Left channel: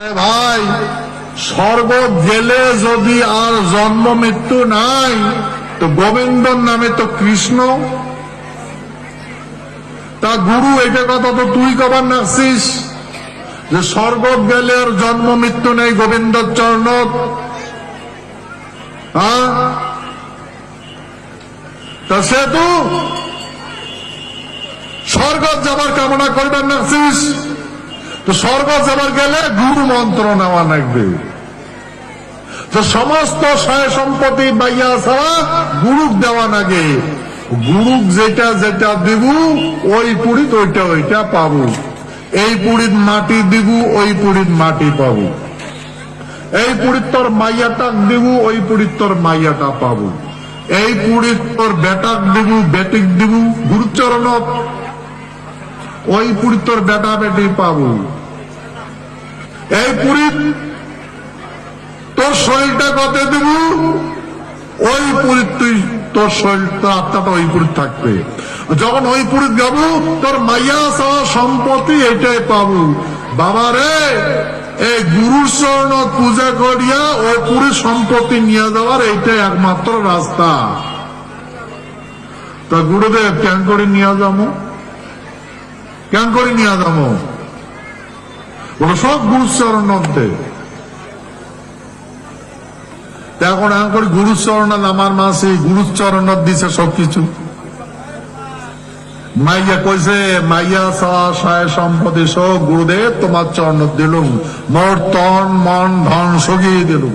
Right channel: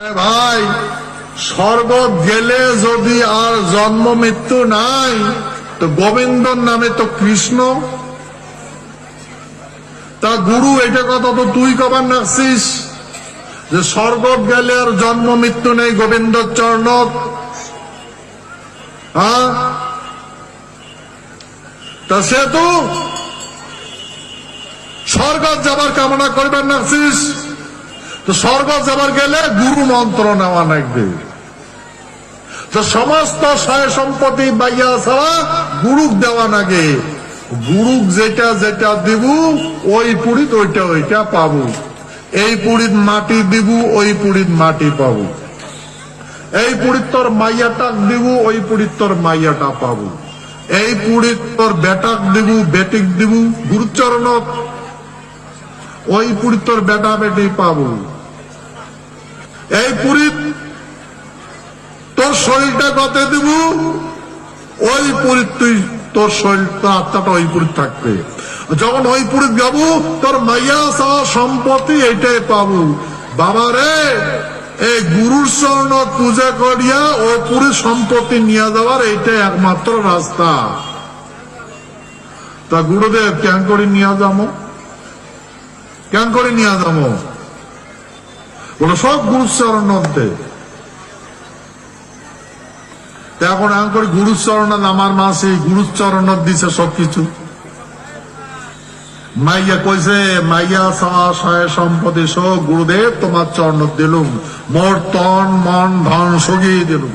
ভাই স্বর্গ গেলে যদি আর জন্ম মৃত্যু নাই, তো গোবিন্দর নামে তো কৃষ্ণ। তা গুরু এটা কথা তো তুই কবার নাকছিস? যে স্বর্গ গেলে আর জন্ম মৃত্যু নেই গোবিন্দর চরণ হ্যাঁ? তা তো স্বর্গ যাবার কামনা করিবার নাকছিস? তো স্বর্গ যাবার গেলে গুরু মন্ত্র নেওয়া লাগবে। তো সমস্ত সম্পত্তি বাইয়া ছাড়া গুরুক দেওয়া লাগে। গুরুক যেটা যেটা দিব, ওই পুরীত ওইটা ওইটা পাবো। এই পুরীত মাটি দিব, ওই পুরীত মাটি পাবো। এই পুরীত তোর মাইয়াটাক দিব, ওই পুরীত তোর মাইয়াটা পাবো। এই পুরীত বেটাক দিব, বেটিক দিব, গুরুচরণত, ওই পুরী তোর বেটা বেটি পাবো। এই পুরী তোর শরীরটা কত দিব? ওই পুরী তুই, তোর শরীর তোর আত্মাটা ওই পুরী থাকবে। যখন ওই পুরী যাব, তোর মাইয়া সাওয়া সম্পত্তি এটাই পাবো। বাবা রে, এই গুরুর চরণ পূজা করিয়া ও পুরী সম্পত্তি নিয়ে যাওয়ার এইটাই একমাত্র রাস্তা। তা গুরুদেব কেন করে নিয়ে যাব? কেন করে নিয়ে যাব? সব গুরুচরণ নন্তে এখন আমি করি গুরুচরণ আমার মাসে গুরুচরণ দিছে সবকিছু। মাইয়া কইছে, মাইয়া সাওয়া সয় সম্পত্তি সব গুরুদেব, তোমার চরণ দিলুম। মোর তন, মন, ধন সগিয়ে দিলুম।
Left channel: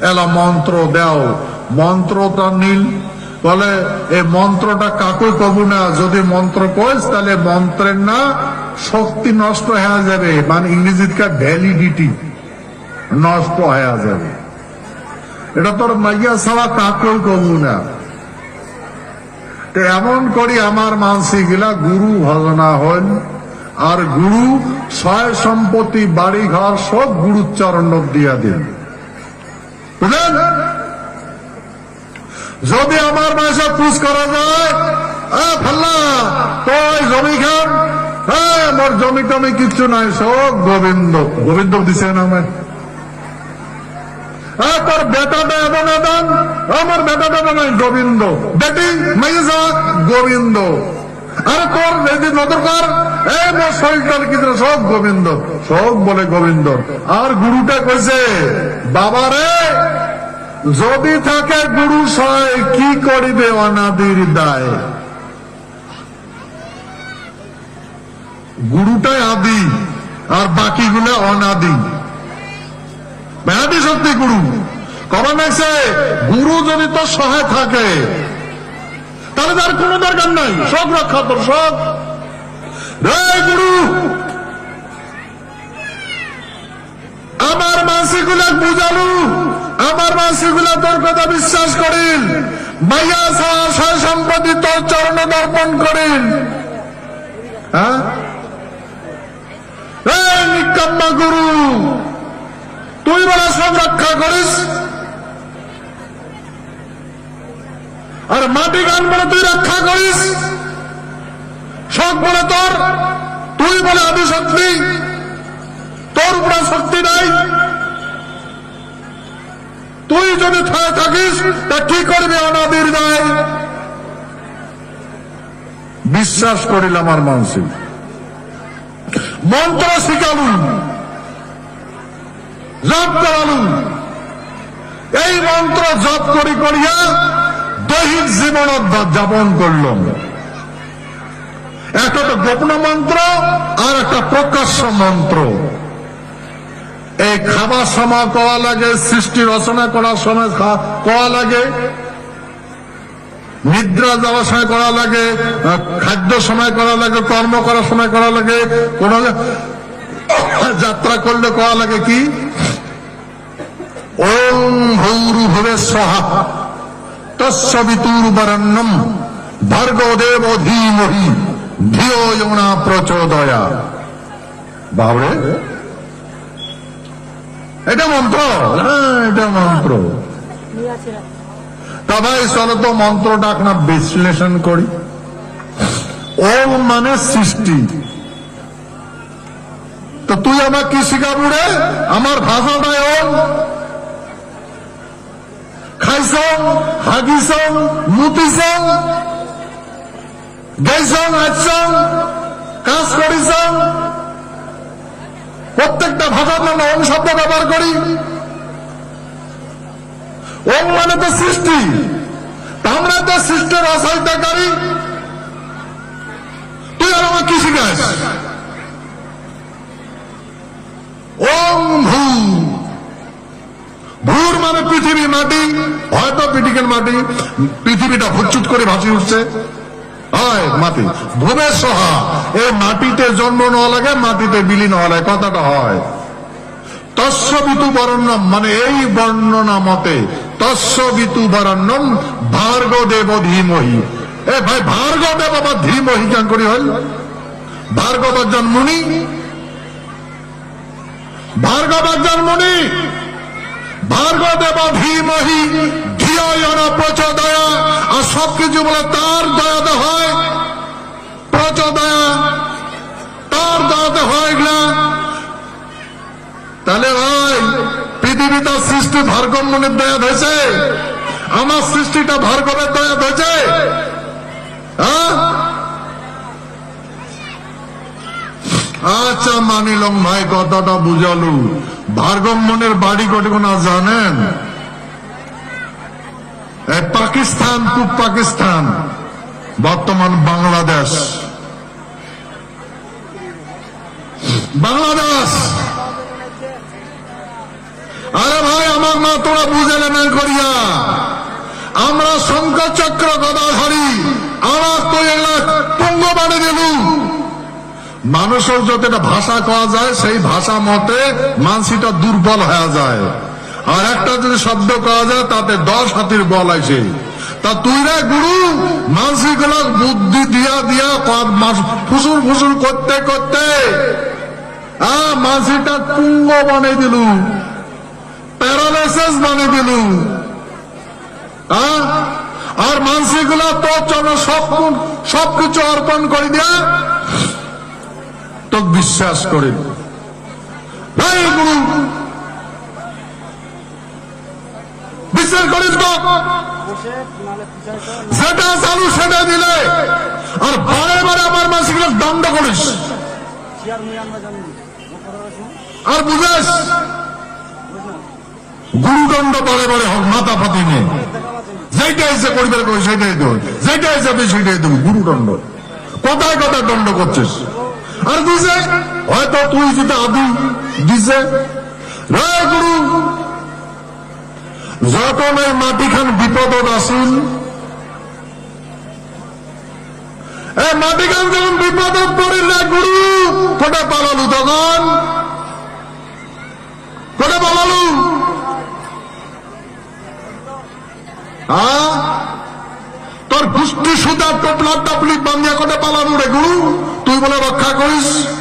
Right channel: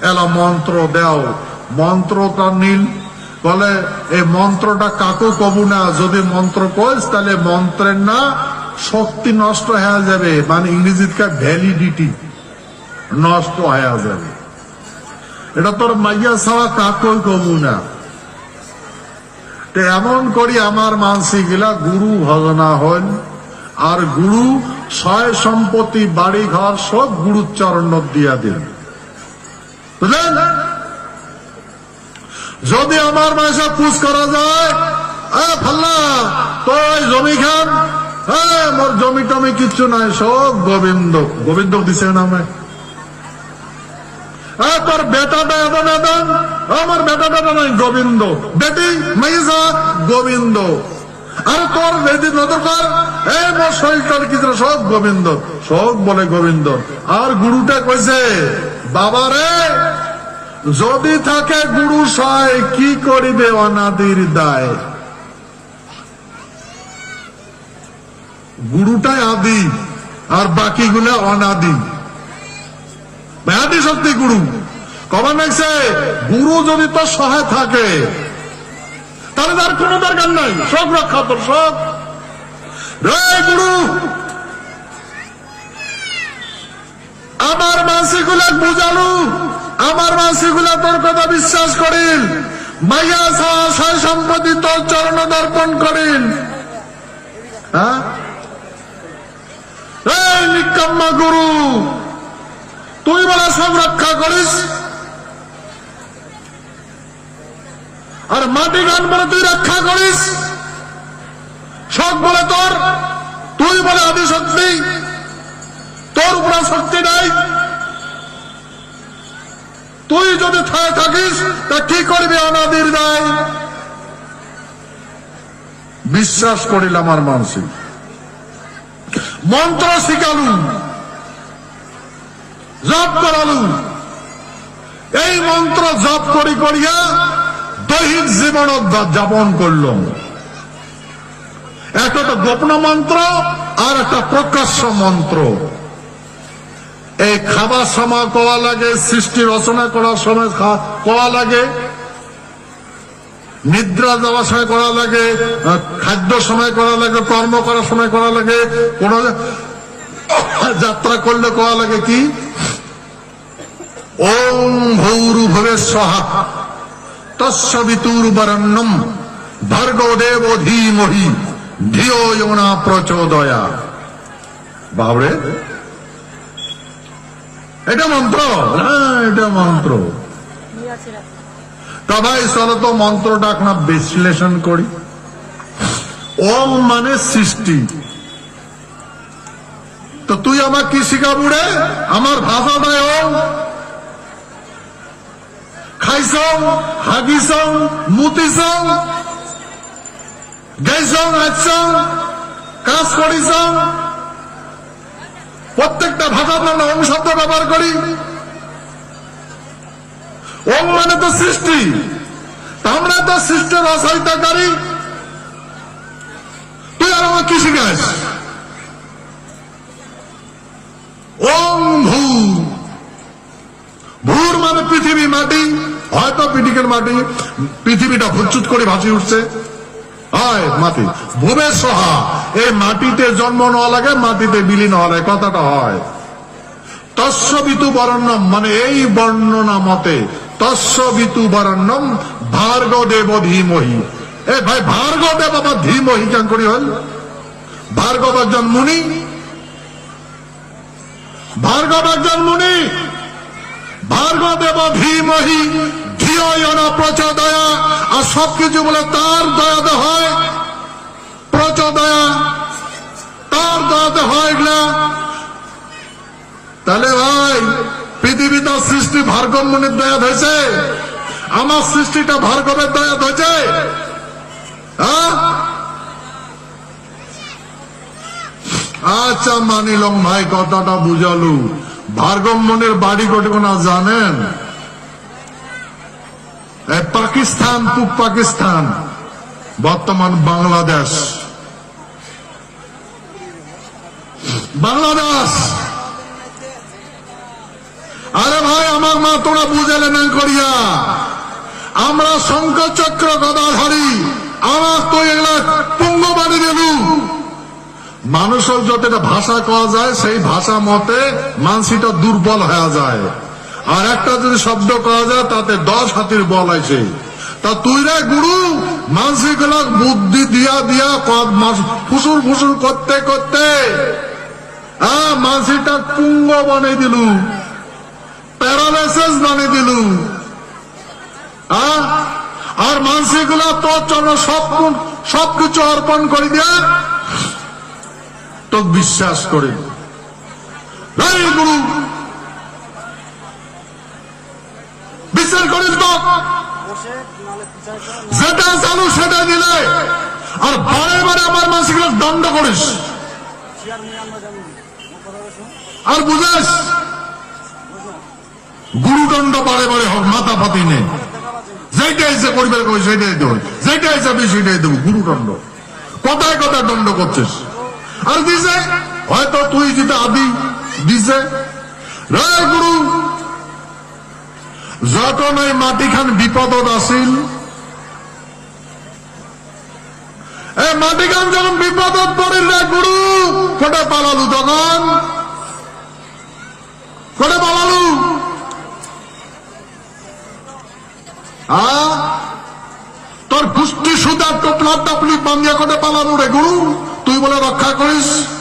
এলা মন্ত্র দাও। মন্ত্রটা নীল। বলে এই মন্ত্রটা কাকে কবু না। যদি মন্ত্র কোস তাহলে মন্ত্রের না শক্তি নষ্ট হয়ে যাবে মানে ইংরেজিতে ভ্যালিডিটি নষ্ট হয়ে যাবে। এটা তোর মাইয়া ছাড়া কাকুই কবু না। এমন করি আমার মানসিগুলা গুরু ভজনা হন, আর গুরু ছয় সম্পত্তি বাড়ি ঘর সব গুরুর চরণ দিয়া দিন। যদি আমার মাসে পুষ করা যায় ফাল্লা তো জমি খান হ্যাঁ আমার জমি টমি কিচ্ছু নাই, সব গোবিন্দ। গোবিন্দ দিছে না আমার হ্যাঁ তোর বেটাটা এখন আদান আমার বেটাটা নাই গোবিন্দ। বেটি মেয়েজা গোবিন্দ। আর তোর যদি নদরকার এই মোর শরীরটার কিছু সব গোবিন্দ। সব বলে গোবিন্দ। আর গুরুটা কইছে, বাবারে, যদি থাকে গুরু সায়, কি করিবে অনাদির দায়? গুরুটা আদি আর বাকিগুলা অনাদি ব্যাধি সত্যি গুরু। কারণ আছে গুরু যদি তো সহ থাকে, তাহলে তার কোনো দরকার নাই। সব রক্ষা তোর সব। রে গুরু! আমার মানসিকগুলা বুঝালু আমার মানসিকগুলা তোর কথা বিশ্বাস করিল। মাইয়া সয় সম্পত্তি তোর চরণে দর্পণ করিল। হ্যাঁ? এই নিকাম্মা গুরু। তুই বলে সব রক্ষা করিস। আর মাটি গান বলে তুই রক্ষা করিস। সব বলে তোর, তুই বলে আমি শক্তি। তোর উপরে শক্তি নাই। তুই যদি খেয়ে থাকিস, তা কি করবি আমাদের নাই বিশ্বাস করিল আমার মানসিক মন্ত্র শিখালুম জপ করালুম এই মন্ত্র জপ করি করিয়া দৈহিক জীবন যাপন করলাম। একটা তো গোপন মন্ত্র আর একটা প্রকাশ্য মন্ত্র। এই খাবার সময় কওয়া লাগে, সৃষ্টি রচনা করার সময় কওয়া লাগে। নিদ্রা যাওয়ার সময় করা লাগে খাদ্য সময় করা লাগে, কর্ম করার সময় করা লাগে যাত্রা করলে কওয়া লাগে কি? ওম ভৌরু ভরে সহ তস্বিতুর বরণ্যম ভর্গদেব ধীমহি ধিও যমুনা প্রচোদয়া। বাবরে, এটা মন্ত্র? হ্যাঁ এটা মন্ত্র। তবে চলো তো মন্ত্রটা আপনার বিশ্লেষণ করি। ওম মানে সৃষ্টি। তো তুই আমার কি শিখাবু রে? আমার ভাষাটা এমন। খাইছং, হাগিছং, মুতিছং, গাইছং আছং কাজ করিছং। প্রত্যেকটা ভাষার নামে ওম শব্দ ব্যবহার করি। ওম মানে তো সৃষ্টি আমরা তো সৃষ্ট রসায়িতাকারী তুই আমার কি শিখাস ওম ভূ। ভূর মানে পৃথিবী মাটি হয়তো পৃথিবীর মাটি। পৃথিবীটা ফুটচুট করে ভাসি উঠছে। মাটি ভূমে সহা। এই মাটিতে জন্ম নেওয়া লাগে, মাটিতে বিলীন হওয়া লাগে, কথাটা হয়। তস্যবিতু বরণ্যম মানে এই বর্ণনা মতে তস্যবিতু বরণ্যম ভার্গ দেব ধীমহি এ ভাই ভার্গ দেব বা ধীমহি কেন করি হল? ভার্গব জন্মনি ভার্গব জন্মনি ভার্গ দেব ধীমহি ধিয়ায়না প্রচোদয়া। আর সবকিছু বলে তার দয়াতে হয়। প্রচোদয়া। তার দয়াতে হয় এগুলা। তাহলে ভাই পৃথিবী তার সৃষ্টি ভারগম্যনের দেয়া হয়েছে। আমার সৃষ্টিটা ভার্গবের দেয়া হয়েছে। হ্যাঁ? আচ্ছা মানিলাম ভাই, কথাটা বুঝালু। ভার্গম্যনের বাড়ি কতগুনা জানেন? পাকিস্তান, পূব পাকিস্তান, বর্তমান বাংলাদেশ। বাংলাদেশ! আরে ভাই আমার মা তোরা বুঝে নেবেন করিয়া। আমরা শঙ্কর চক্র গদাধারী আমার তো পঙ্গ বাড়ি মানুষের যতটা ভাষা কওয়া যায়, সেই ভাষা মতে মানসিটা দুর্বল হওয়া যায়। আর একটা যদি শব্দ কওয়া যায়, তাতে দশ হাতির বল আছে তা তুই রে গুরু মানসিক বুদ্ধি দিয়া দিয়া ফুসুর ফুসুর করতে করতে। মানসিটা পুঙ্গ বানিয়ে দিলু প্যারালাইসিস বানিয়ে দিল হ্যাঁ? আর মানসিকগুলা তোর জন্য সব সব কিছু অর্পণ করে দিয়ে তো বিশ্বাস করে। গুরু! বিশ্বাস করিস তো। যেটা চালু সেটা দিলে আর বারবার আমার মানসিকগুলো দণ্ড করিস। আর বুঝাস? গুরুদণ্ড বারে বারে হোক, মাথা ফাতে নেই যেটা এসে করবে সেটাই দেবো। যেটা এসে সেটাই দেবো, গুরুদণ্ড। কোথায় কোথায় দণ্ড করছিস? আর দিছে, হয়তো তুই যেটা আদি, দিছে। রে গুরু যখন ওই মাটিখান বিপদত আসিল মাটিখান যখন বিপদত পড়িল রে গুরু কোটা পালালু তখন টোপলা টপলি পালানো রে গুরু তুই বলে রক্ষা করিস।